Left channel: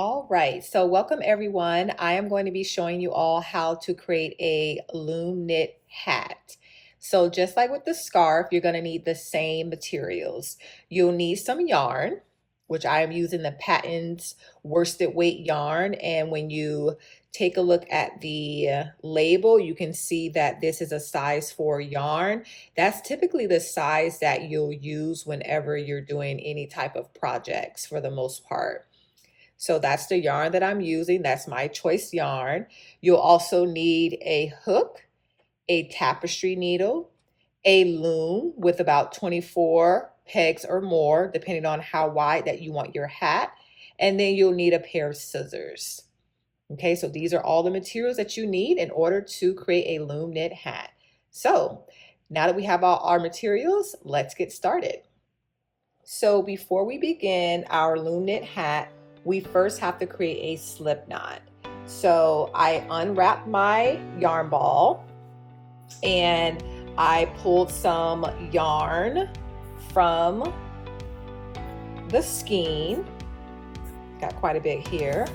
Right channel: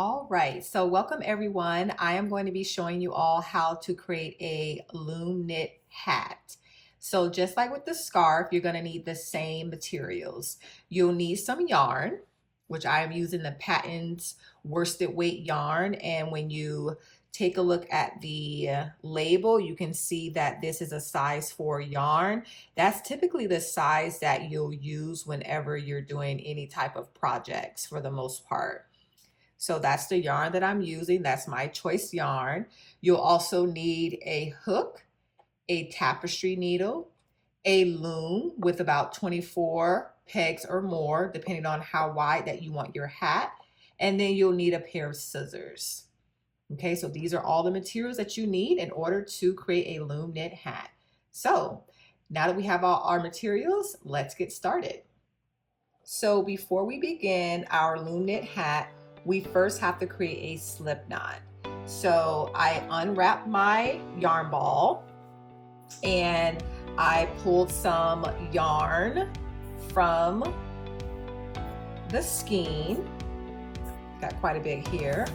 All right, so welcome everyone. I am going to be showing you all how to create a loom knit hat. So just like with the scarf, you're going to need the same materials. You'll need some yarn, which I am using the Patton's worsted weight yarn. And when you take a look at the label, you can see that this is a size 4 yarn. That's typically the size that you'll use whenever you're doing any type of projects for the most part. So that's the yarn that I'm using. That's my choice yarn. You'll also need a hook, a tapestry needle, a loom with about 24 pegs or more, depending on how wide that you want your hat. And then you'll need a pair of scissors. Okay, so these are all the materials that you need in order to create a loom knit hat. So now that we have all our materials, let's get started. So before we begin our loom knit hat, we first have to create a slip knot. So I unwrapped my yarn ball and I pulled some yarn from the skein. Got quite a bit here.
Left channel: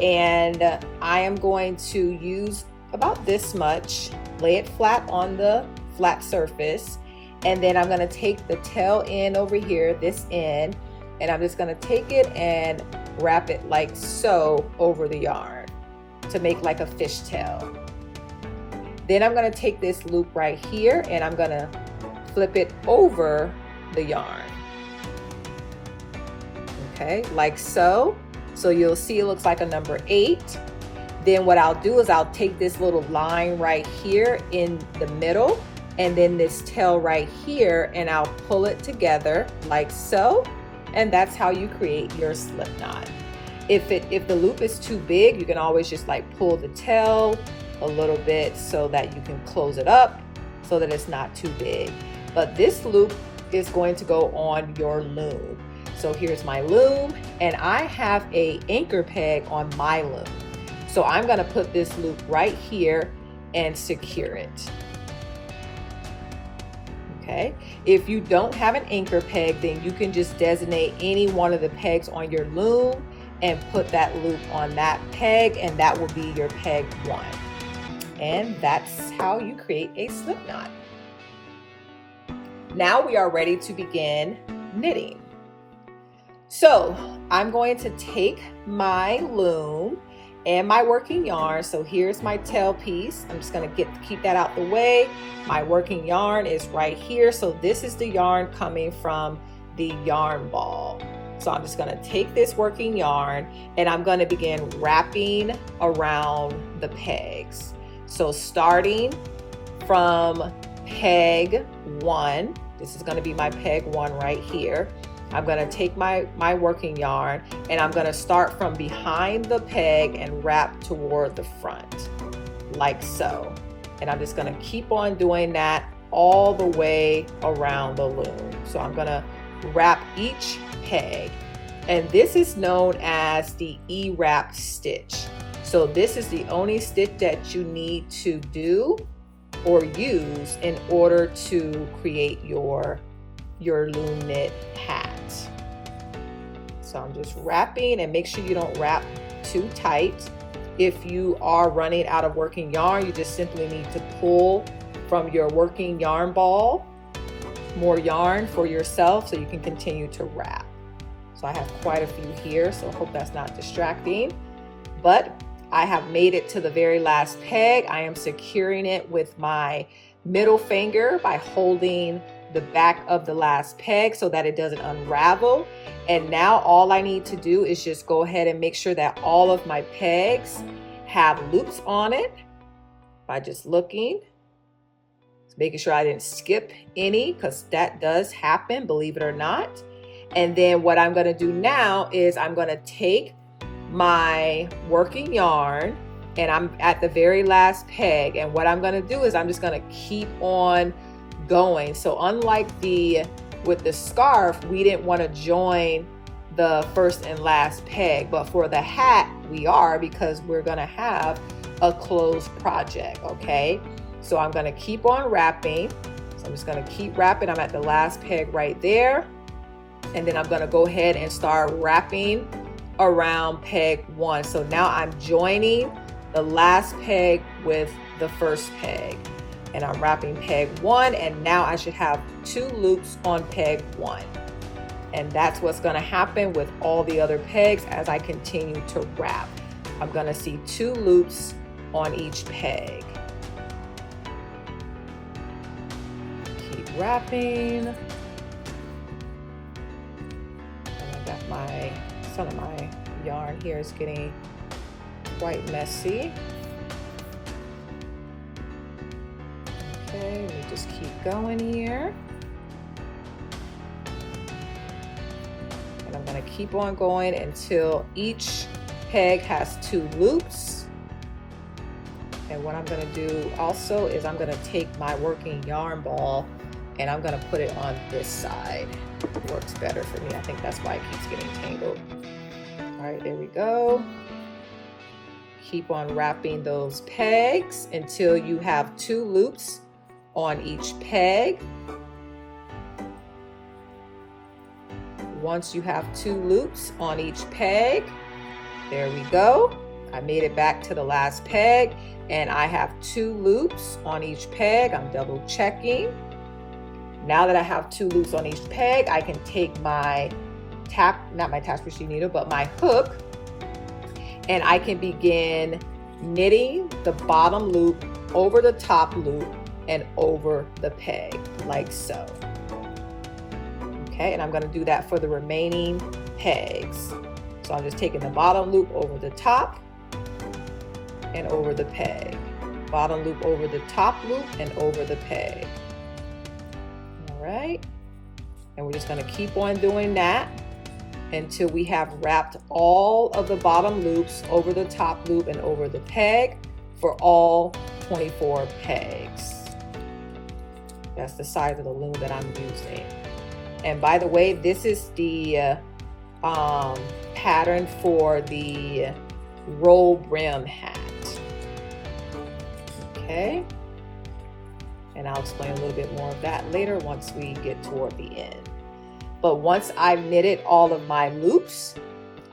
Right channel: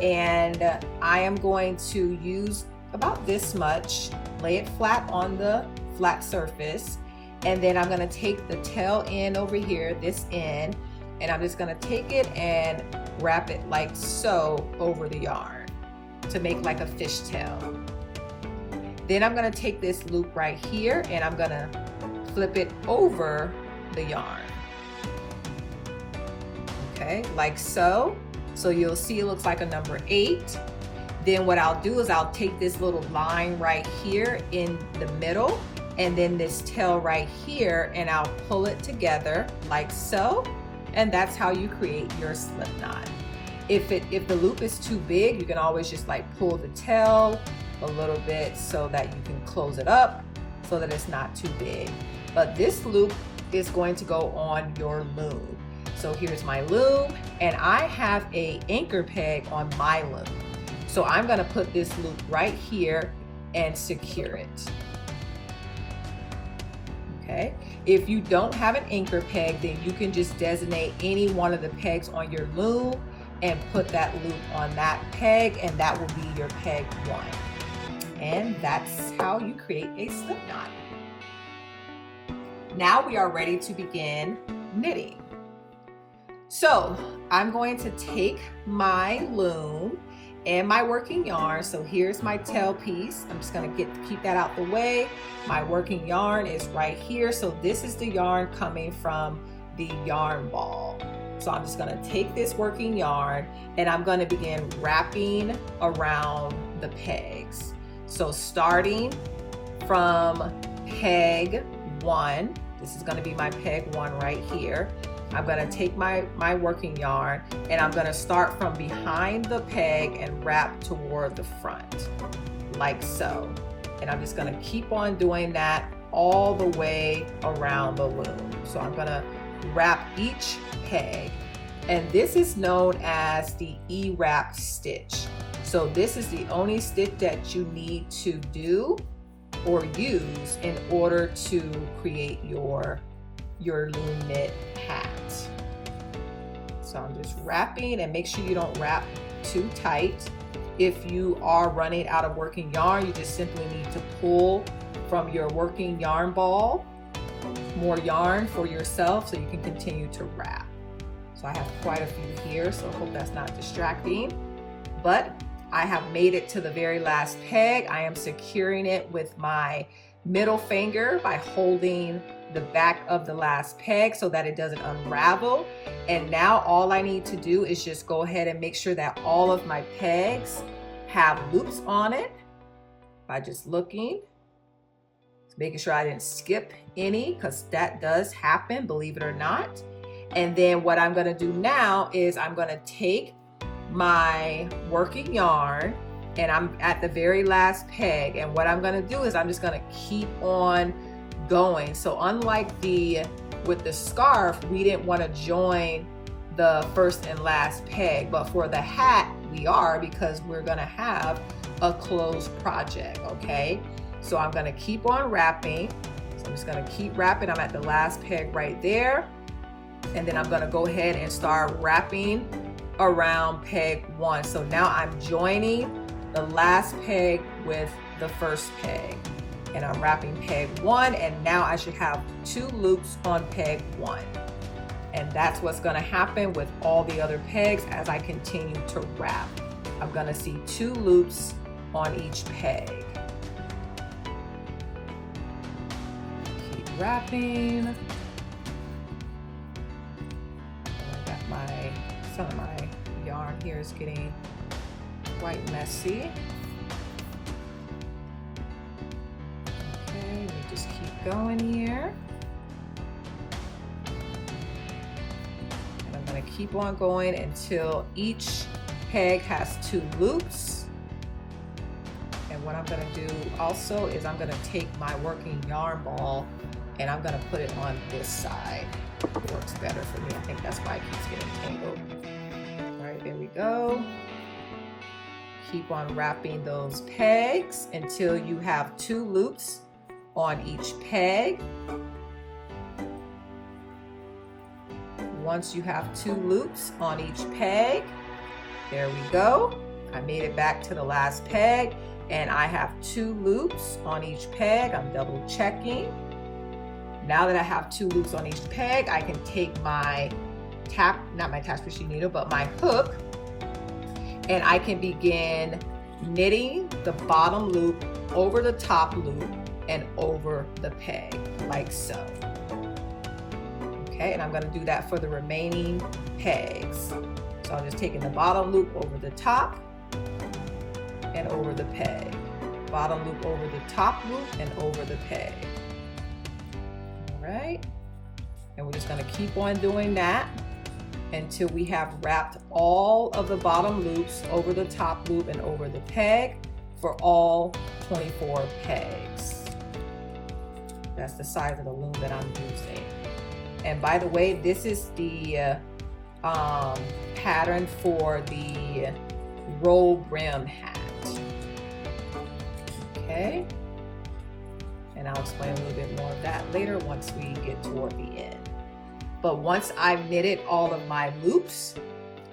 And I am going to use about this much, lay it flat on the flat surface. And then I'm gonna take the tail end over here, this end, and I'm just gonna take it and wrap it like so over the yarn to make like a fishtail. Then I'm gonna take this loop right here and I'm gonna flip it over the yarn. Okay, like so. So you'll see it looks like a number 8. Then what I'll do is I'll take this little line right here in the middle and then this tail right here and I'll pull it together like so. And that's how you create your slip knot. If the loop is too big, you can always just like pull the tail a little bit so that you can close it up so that it's not too big. But this loop is going to go on your loom. So here's my loom and I have a anchor peg on my loom. So I'm gonna put this loop right here and secure it. Okay. If you don't have an anchor peg, then you can just designate any one of the pegs on your loom and put that loop on that peg, and that will be your peg 1. And that's how you create a slip knot. Now we are ready to begin knitting. So I'm going to take my loom and my working yarn. So here's my tail piece. I'm just gonna keep that out the way. My working yarn is right here. So this is the yarn coming from the yarn ball. So I'm just gonna take this working yarn and I'm gonna begin wrapping around the pegs. So starting from peg 1, this is gonna be my peg 1 right here. I'm gonna take my working yarn and I'm gonna start from behind the peg and wrap toward the front, like so. And I'm just gonna keep on doing that all the way around the loom. So I'm gonna wrap each peg. And this is known as the E-wrap stitch. So this is the only stitch that you need to do or use in order to create your loom knit hat. So I'm just wrapping, and make sure you don't wrap too tight. If you are running out of working yarn, you just simply need to pull from your working yarn ball more yarn for yourself so you can continue to wrap. So I have quite a few here, so I hope that's not distracting. But I have made it to the very last peg. I am securing it with my middle finger by holding the back of the last peg so that it doesn't unravel. And now all I need to do is just go ahead and make sure that all of my pegs have loops on it by just looking, making sure I didn't skip any, because that does happen, believe it or not. And then what I'm going to do now is I'm going to take my working yarn and I'm at the very last peg, and what I'm going to do is I'm just going to keep on going. So unlike with the scarf, we didn't want to join the first and last peg, but for the hat we are, because we're going to have a closed project. Okay, so I'm going to keep on wrapping. So I'm just going to keep wrapping. I'm at the last peg right there, and then I'm going to go ahead and start wrapping around peg 1. So now I'm joining the last peg with the first peg, and I'm wrapping peg 1, and now I should have 2 loops on peg 1. And that's what's going to happen with all the other pegs as I continue to wrap. I'm going to see 2 loops on each peg. Keep wrapping. Some of my yarn here is getting quite messy. Okay, let me just keep going here. And I'm going to keep on going until each peg has 2 loops. And what I'm going to do also is I'm going to take my working yarn ball and I'm going to put it on this side. It works better for me. I think that's why it keeps getting tangled. All right, there we go. Keep on wrapping those pegs until you have 2 loops on each peg. Once you have 2 loops on each peg, there we go. I made it back to the last peg and I have 2 loops on each peg. I'm double checking. Now that I have 2 loops on each peg, I can take my not my tapestry needle, but my hook, and I can begin knitting the bottom loop over the top loop and over the peg, like so. Okay, and I'm going to do that for the remaining pegs. So I'm just taking the bottom loop over the top and over the peg. Bottom loop over the top loop and over the peg. Right, and we're just going to keep on doing that until we have wrapped all of the bottom loops over the top loop and over the peg for all 24 pegs. That's the size of the loom that I'm using. And by the way, this is the pattern for the roll brim hat. Okay. And I'll explain a little bit more of that later once we get toward the end. But once I've knitted all of my loops,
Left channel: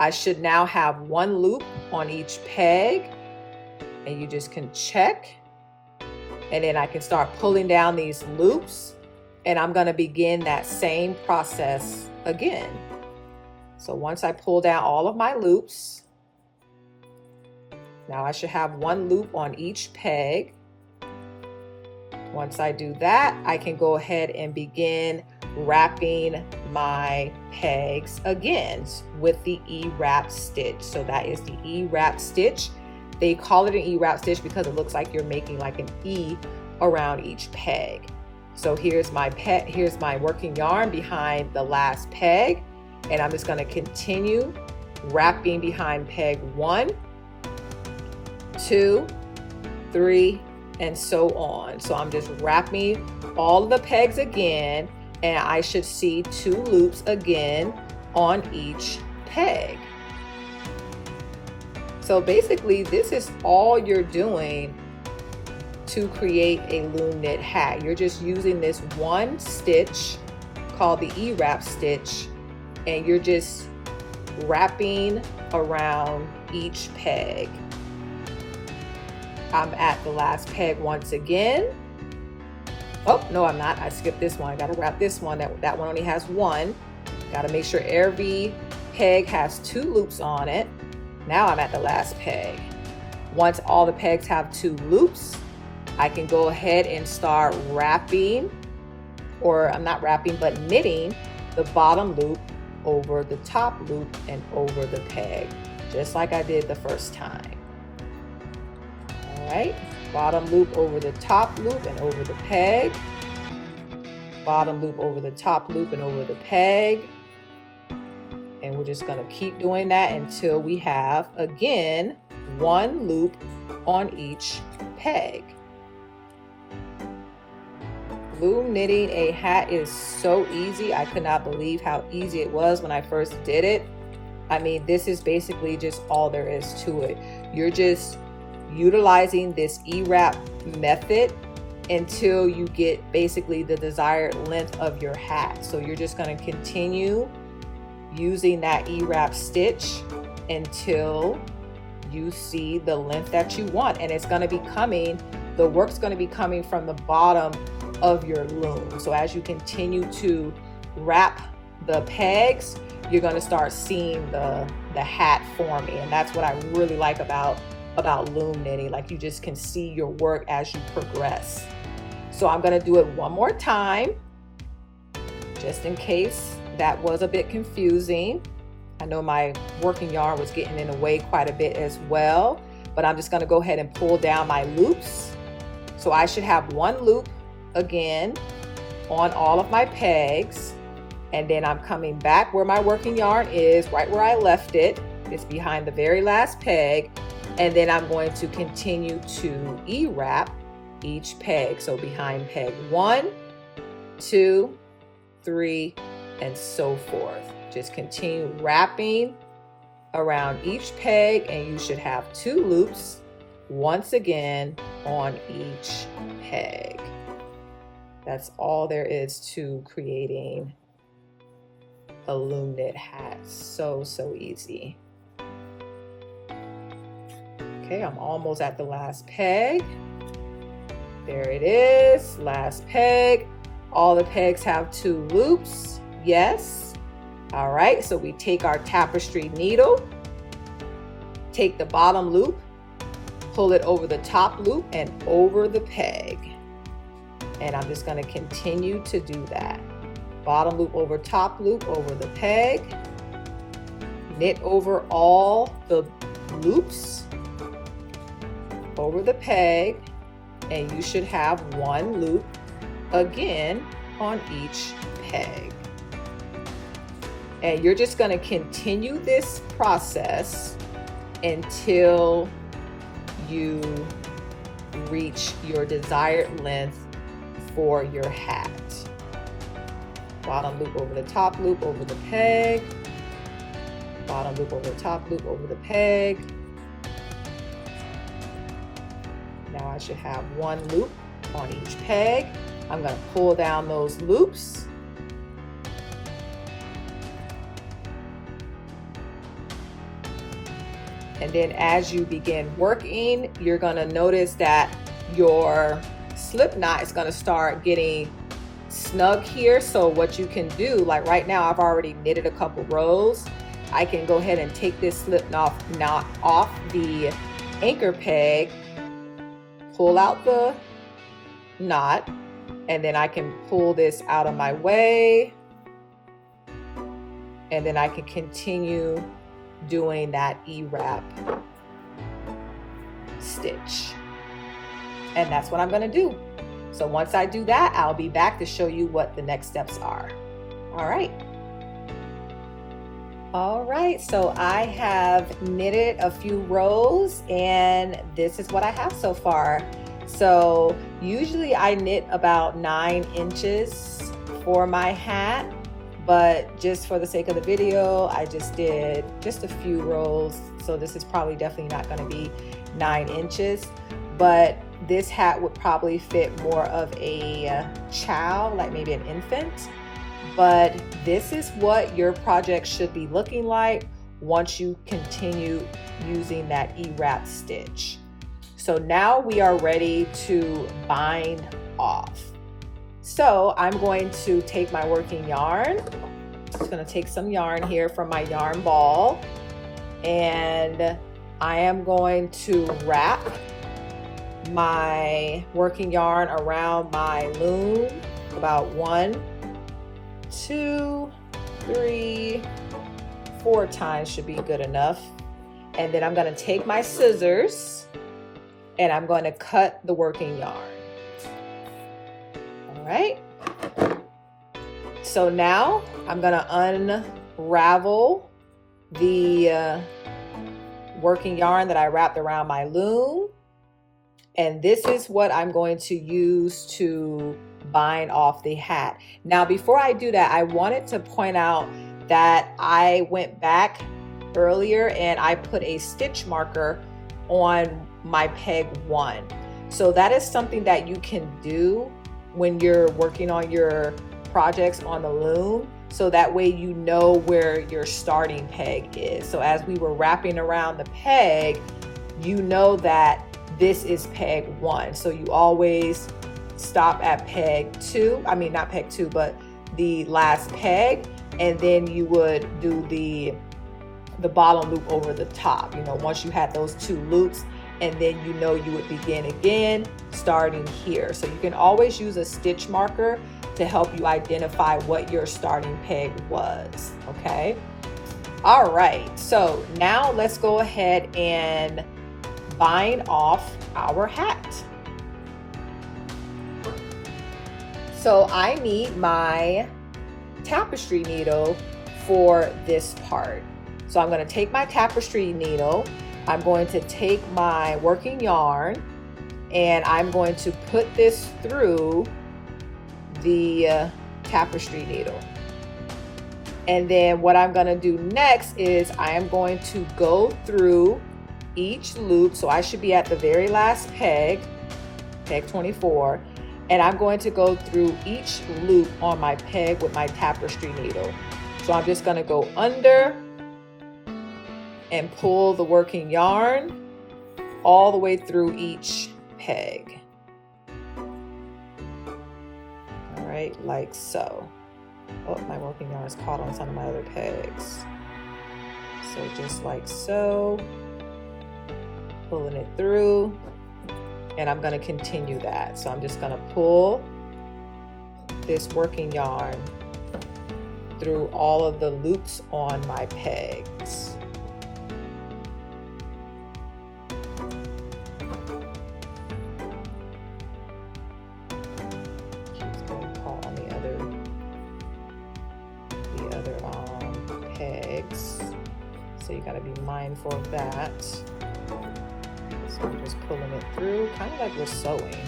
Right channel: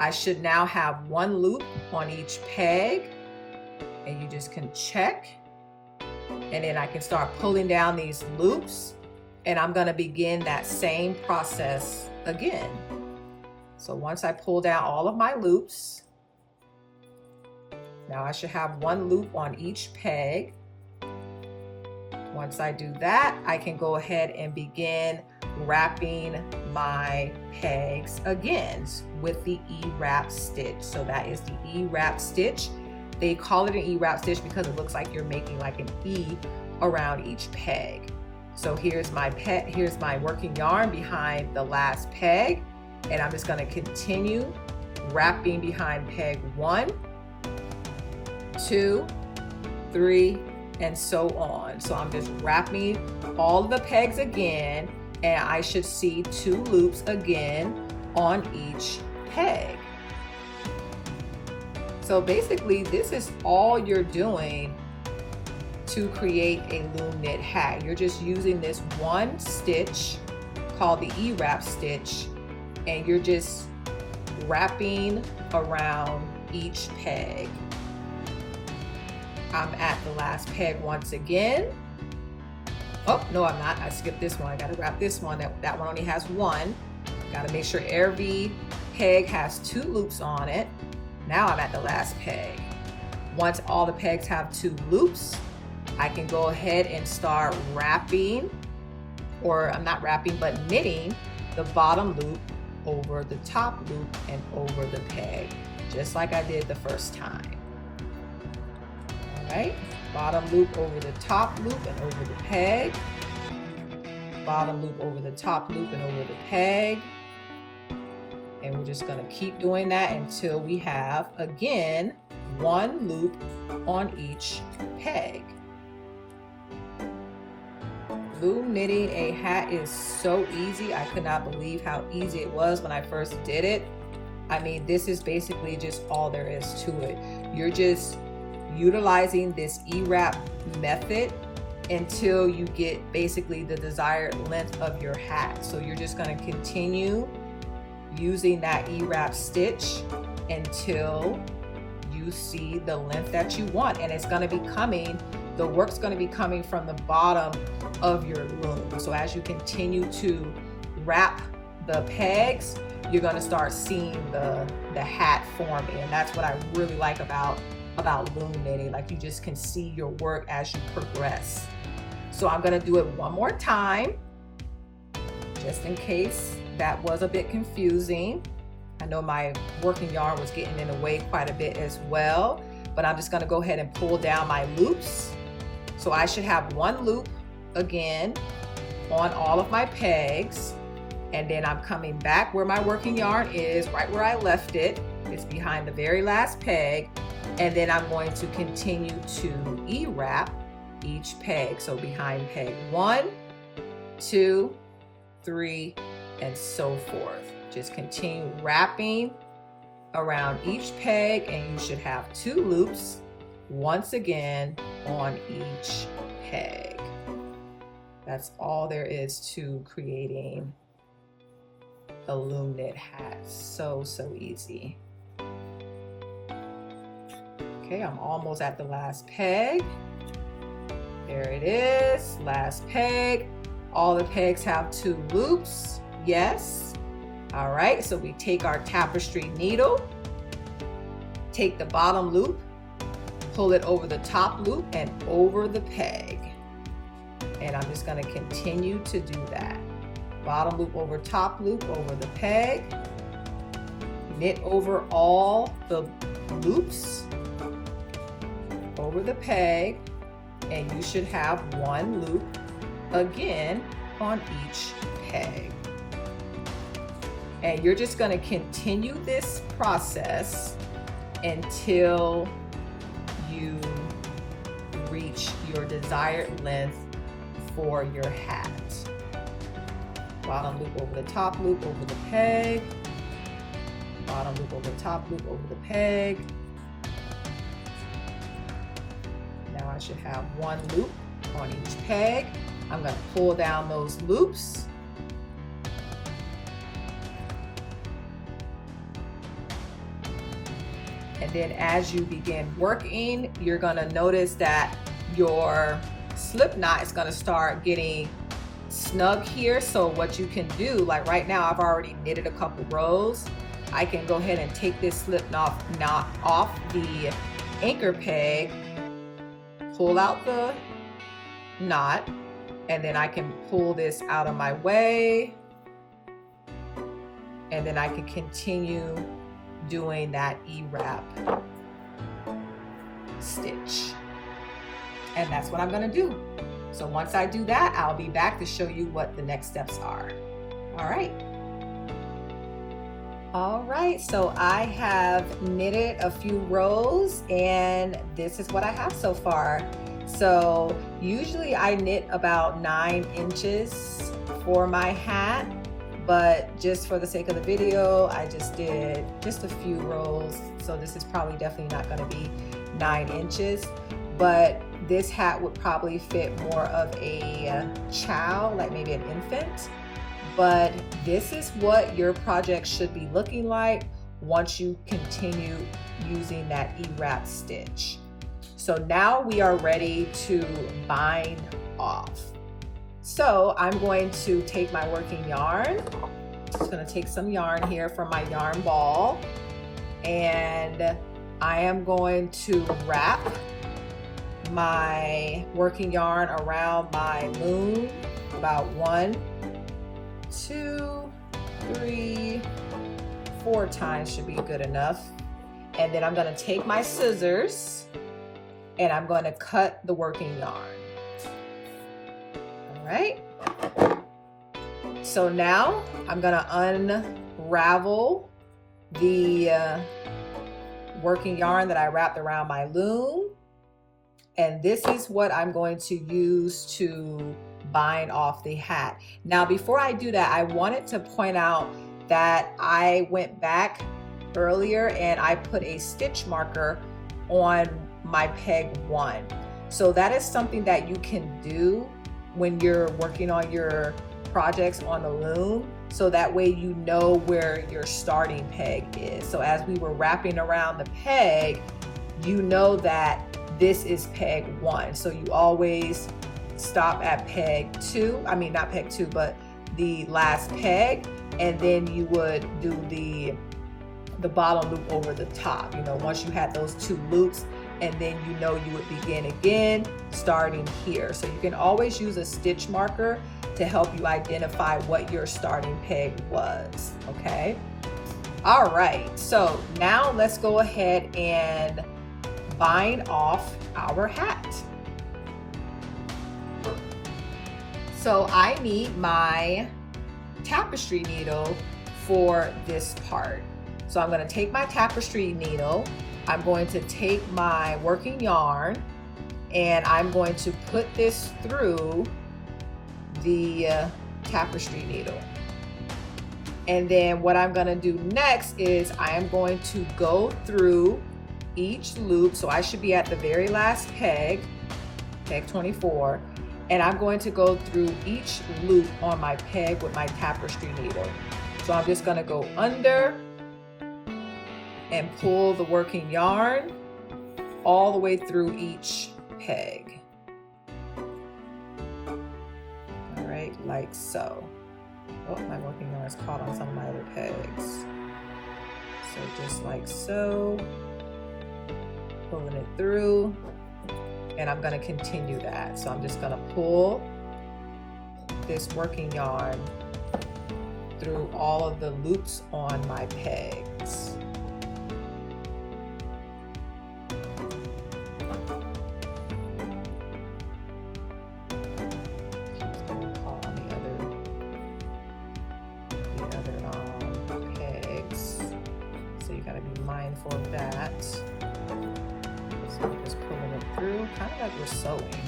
I should now have 1 loop on each peg, and you just can check. And then I can start pulling down these loops, and I'm going to begin that same process again. So once I pull down all of my loops, now I should have 1 loop on each peg. Once I do that, I can go ahead and begin wrapping my pegs again with the E-wrap stitch. So that is the E-wrap stitch. They call it an E-wrap stitch because it looks like you're making like an E around each peg. So here's my working yarn behind the last peg, and I'm just going to continue wrapping behind peg 1, 2, 3, and so on. So I'm just wrapping all of the pegs again, and I should see 2 loops again on each peg. So basically, this is all you're doing to create a loom knit hat. You're just using this one stitch called the E-wrap stitch, and you're just wrapping around each peg. I'm at the last peg once again. Oh, no, I'm not. I skipped this one. I gotta wrap this one. That one only has 1. Gotta make sure every peg has 2 loops on it. Now I'm at the last peg. Once all the pegs have 2 loops, I can go ahead and start wrapping, or I'm not wrapping, but knitting the bottom loop over the top loop and over the peg, just like I did the first time. All right, bottom loop over the top loop and over the peg, bottom loop over the top loop and over the peg. And we're just going to keep doing that until we have, again, 1 loop on each peg. Loom knitting a hat is so easy. I could not believe how easy it was when I first did it. I mean, this is basically just all there is to it. You're just utilizing this E-wrap method until you get basically the desired length of your hat. So you're just going to continue using that E-wrap stitch until you see the length that you want. And it's going to be coming, the work's going to be coming from the bottom of your loom. So as you continue to wrap the pegs, you're going to start seeing the hat forming. And that's what I really like about loom knitting. Like, you just can see your work as you progress. So I'm going to do it one more time, just in case that was a bit confusing. I know my working yarn was getting in the way quite a bit as well, but I'm just going to go ahead and pull down my loops. So I should have one loop again on all of my pegs, and then I'm coming back where my working yarn is, right where I left it. It's behind the very last peg, and then I'm going to continue to E-wrap each peg. So behind peg 1, 2, 3, and so forth. Just continue wrapping around each peg, and you should have 2 loops once again on each peg. That's all there is to creating a loom knit hat. So easy. Okay, I'm almost at the last peg. There it is, last peg. All the pegs have 2 loops, yes. All right, so we take our tapestry needle, take the bottom loop, pull it over the top loop and over the peg. And I'm just going to continue to do that. Bottom loop over top loop over the peg, knit over all the loops over the peg, and you should have 1 loop again on each peg. And you're just going to continue this process until you reach your desired length for your hat. Bottom loop over the top loop over the peg, bottom loop over the top loop over the peg. Now I should have 1 loop on each peg. I'm going to pull down those loops. And then as you begin working, you're going to notice that your slip knot is going to start getting snug here. So what you can do, like right now, I've already knitted a couple rows. I can go ahead and take this slip knot off the anchor peg, pull out the knot, and then I can pull this out of my way. And then I can continue doing that E-wrap stitch. And that's what I'm going to do. So once I do that, I'll be back to show you what the next steps are. All right, so I have knitted a few rows, and this is what I have so far. So usually I knit about 9 inches for my hat, but just for the sake of the video, I just did just a few rows. So this is probably definitely not going to be 9 inches, but this hat would probably fit more of a child, like maybe an infant. But this is what your project should be looking like once you continue using that E-wrap stitch. So now we are ready to bind off. So I'm going to take my working yarn. I'm just going to take some yarn here from my yarn ball, and I am going to wrap my working yarn around my loom about 1, 2, 3, 4 times should be good enough. And then I'm going to take my scissors and I'm going to cut the working yarn. All right. So now I'm going to unravel the working yarn that I wrapped around my loom. And this is what I'm going to use to bind off the hat. Now, before I do that, I wanted to point out that I went back earlier and I put a stitch marker on my peg 1. So that is something that you can do when you're working on your projects on the loom. so that way you know where your starting peg is. So as we were wrapping around the peg, you know that this is peg 1. So you always stop at peg 2. I mean, not peg 2, but the last peg, and then you would do the bottom loop over the top, you know, once you had those 2 loops, and then you know you would begin again starting here. So you can always use a stitch marker to help you identify what your starting peg was, okay? All right, so now let's go ahead and bind off our hat. So I need my tapestry needle for this part. So I'm going to take my tapestry needle, I'm going to take my working yarn, and I'm going to put this through the tapestry needle. And then what I'm going to do next is I am going to go through each loop. So I should be at the very last peg, peg 24, and I'm going to go through each loop on my peg with my tapestry needle. So I'm just going to go under and pull the working yarn all the way through each peg. All right, like so. Oh, my working yarn is caught on some of my other pegs. So just like so, pulling it through, and I'm going to continue that. So I'm just going to pull this working yarn through all of the loops on my pegs. So you got to be mindful of that. So I'm just pulling it through, kind of like we're sewing.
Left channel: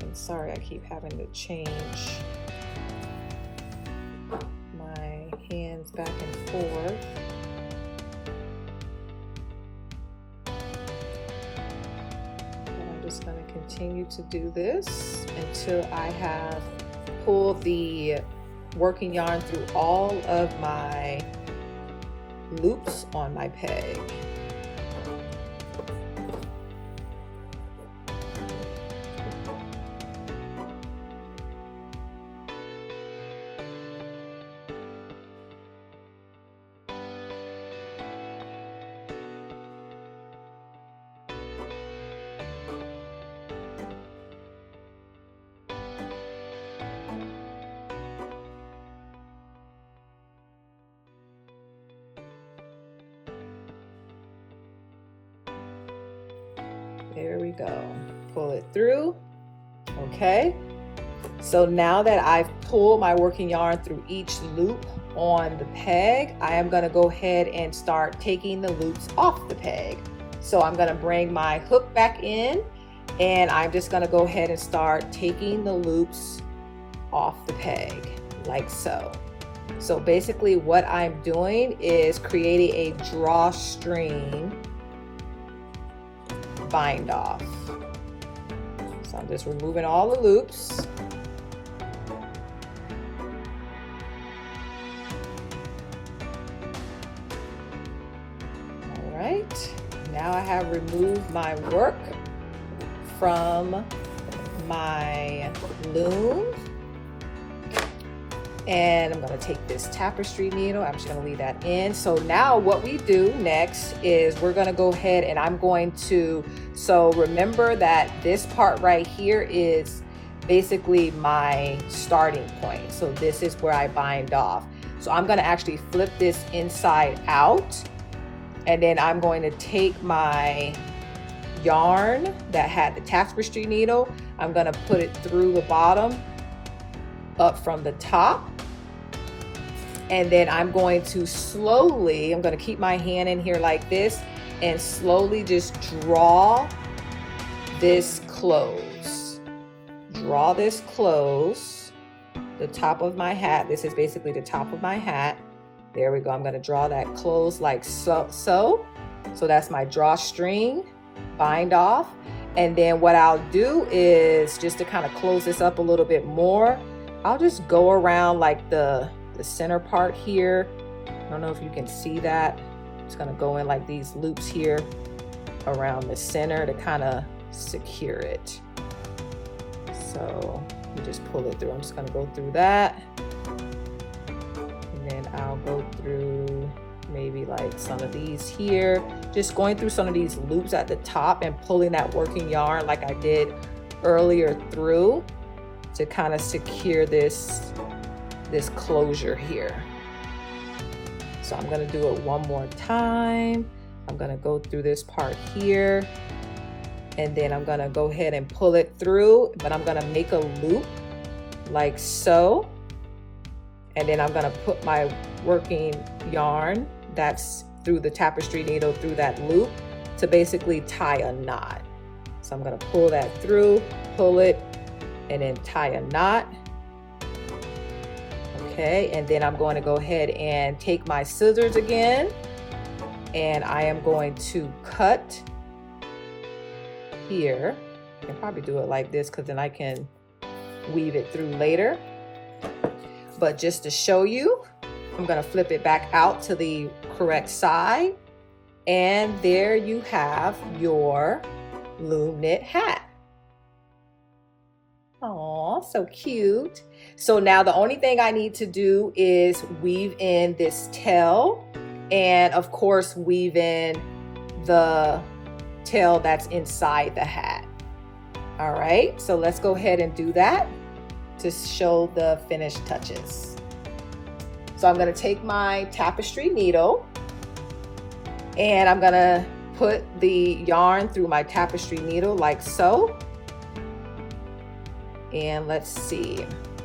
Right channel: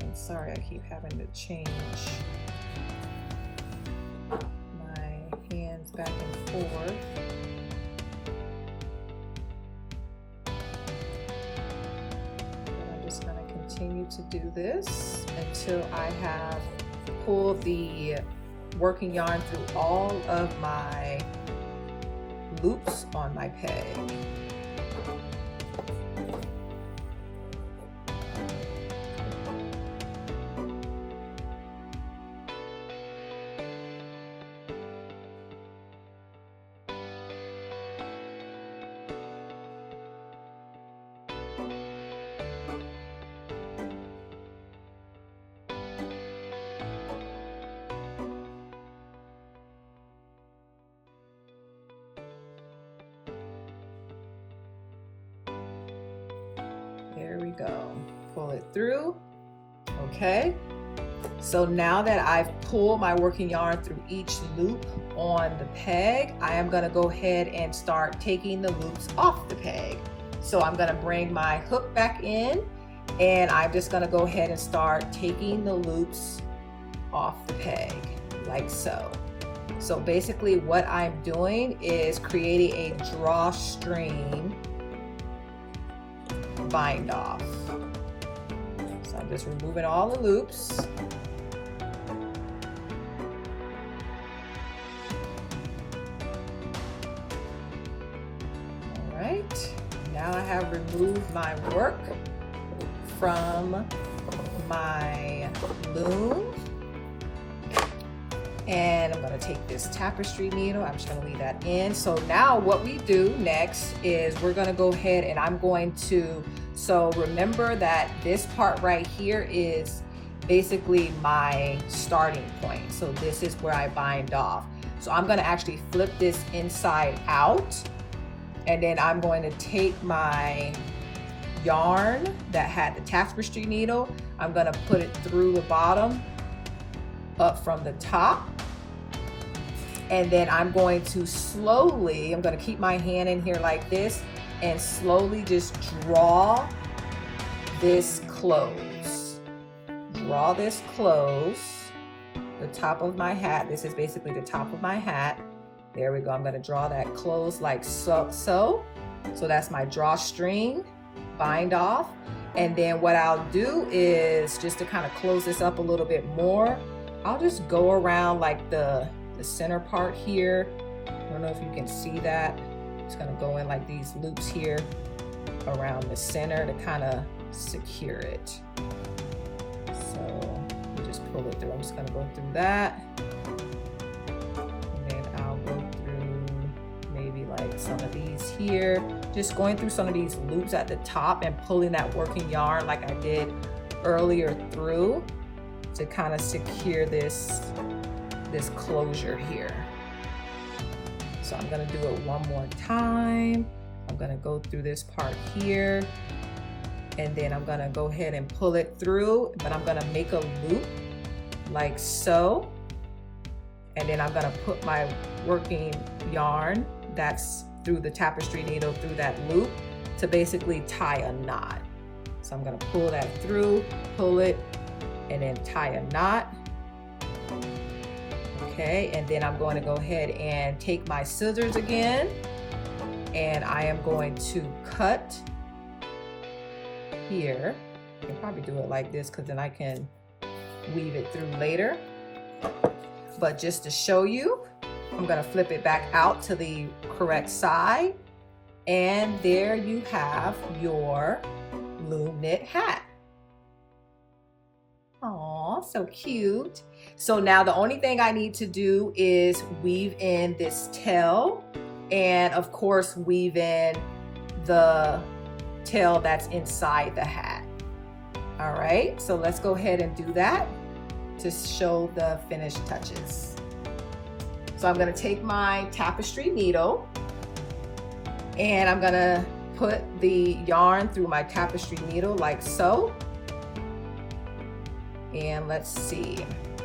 I'm sorry, I keep having to change my hands back and forth. And I'm just going to continue to do this until I have pulled the working yarn through all of my loops on my peg. There we go. Pull it through. Okay. So now that I've pulled my working yarn through each loop on the peg, I am going to go ahead and start taking the loops off the peg. So I'm going to bring my hook back in, and I'm just going to go ahead and start taking the loops off the peg like so. So basically what I'm doing is creating a drawstring bind off. So I'm just removing all the loops. All right, now I have removed my work from my loom. And I'm going to take this tapestry needle, I'm just going to leave that in. So now what we do next is we're going to go ahead and I'm going to, so remember that this part right here is basically my starting point. So this is where I bind off. So I'm going to actually flip this inside out, and then I'm going to take my yarn that had the tapestry needle, I'm going to put it through the bottom up from the top, and then I'm going to slowly, I'm going to keep my hand in here like this and slowly just draw this close. Draw this close, the top of my hat. This is basically the top of my hat. There we go. I'm going to draw that close like so. So that's my drawstring bind off. And then what I'll do is, just to kind of close this up a little bit more, I'll just go around like the center part here. I don't know if you can see that. It's gonna go in like these loops here around the center to kind of secure it. So you just pull it through. I'm just gonna go through that. And then I'll go through maybe like some of these here. Just going through some of these loops at the top and pulling that working yarn like I did earlier through to kind of secure this closure here. So I'm gonna do it one more time. I'm gonna go through this part here, and then I'm gonna go ahead and pull it through, but I'm gonna make a loop like so. And then I'm gonna put my working yarn that's through the tapestry needle through that loop to basically tie a knot. So I'm gonna pull that through, pull it, and then tie a knot. Okay, and then I'm going to go ahead and take my scissors again, and I am going to cut here. I can probably do it like this because then I can weave it through later. But just to show you, I'm going to flip it back out to the correct side, and there you have your Loom Knit hat. Aw, so cute. So now the only thing I need to do is weave in this tail, and of course weave in the tail that's inside the hat. All right, so let's go ahead and do that to show the finished touches. So I'm gonna take my tapestry needle, and I'm gonna put the yarn through my tapestry needle like so. And let's see.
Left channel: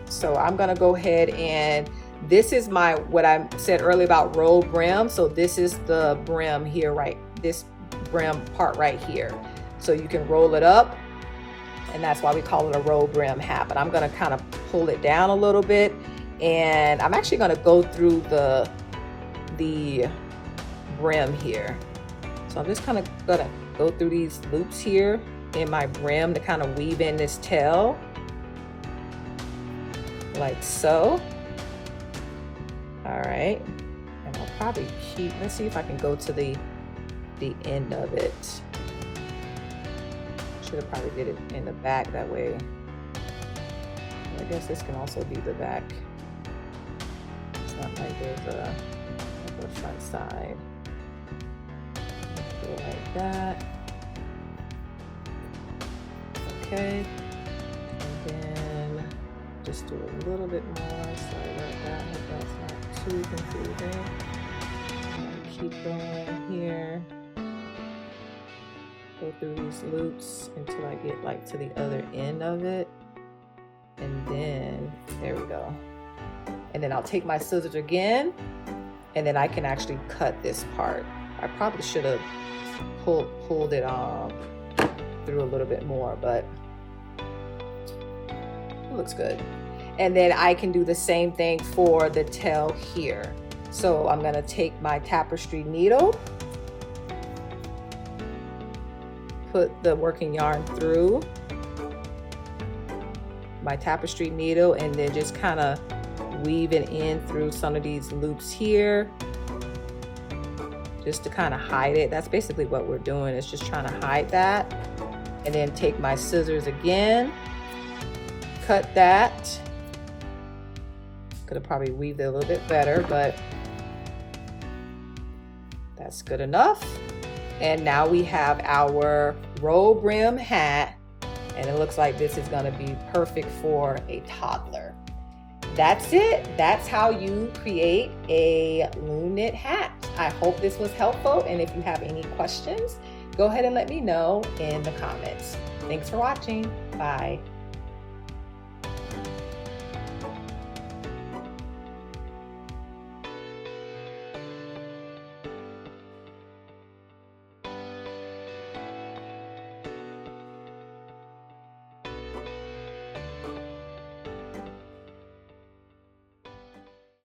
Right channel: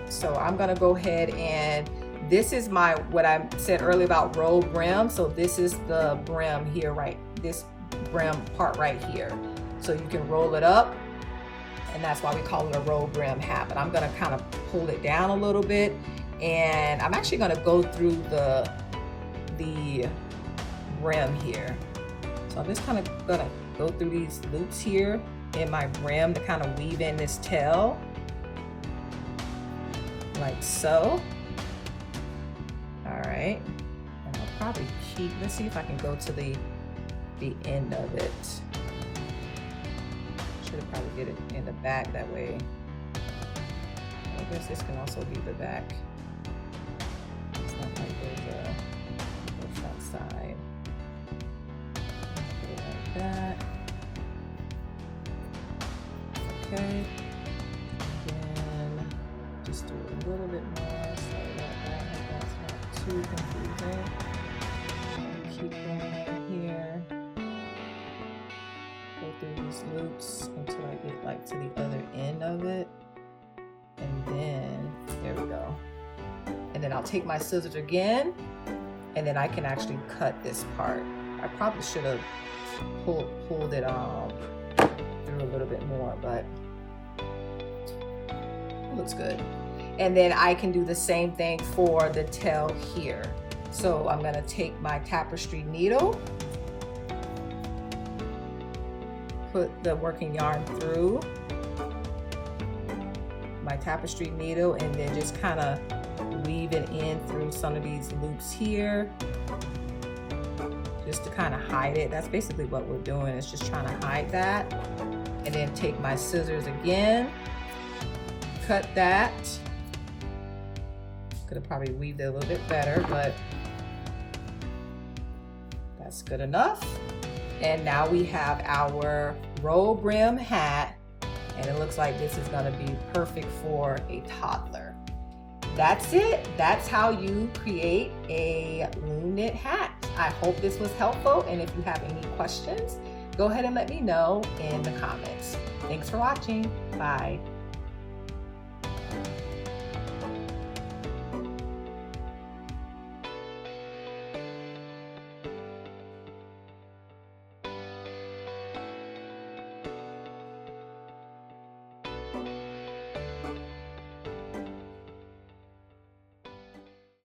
So I'm gonna go ahead, and this is my, what I said earlier about roll brim. So this is the brim here, right? This brim part right here. So you can roll it up, and that's why we call it a roll brim hat. But I'm gonna kind of pull it down a little bit, and I'm actually gonna go through the brim here. So I'm just kind of gonna go through these loops here in my brim to kind of weave in this tail. Like so. All right, and I'll probably keep, let's see if I can go to the end of it. Should have probably did it in the back that way. I guess this can also be the back. It's not like there's a front side. Do it like that. Okay. Just do a little bit more, sorry about that, I hope that's not too confusing. Keep going here, go through these loops until I get like to the other end of it, and then there we go. And then I'll take my scissors again, and then I can actually cut this part. I probably should have pulled it through a little bit more, but looks good. And then I can do the same thing for the tail here. So I'm gonna take my tapestry needle, put the working yarn through my tapestry needle, and then just kind of weave it in through some of these loops here, just to kind of hide it. That's basically what we're doing, is just trying to hide that. And then take my scissors again, cut that. Could have probably weaved it a little bit better, but that's good enough. And now we have our roll brim hat, and it looks like this is gonna be perfect for a toddler. That's it. That's how you create a Loom Knit hat. I hope this was helpful, and if you have any questions, go ahead and let me know in the comments. Thanks for watching. Bye.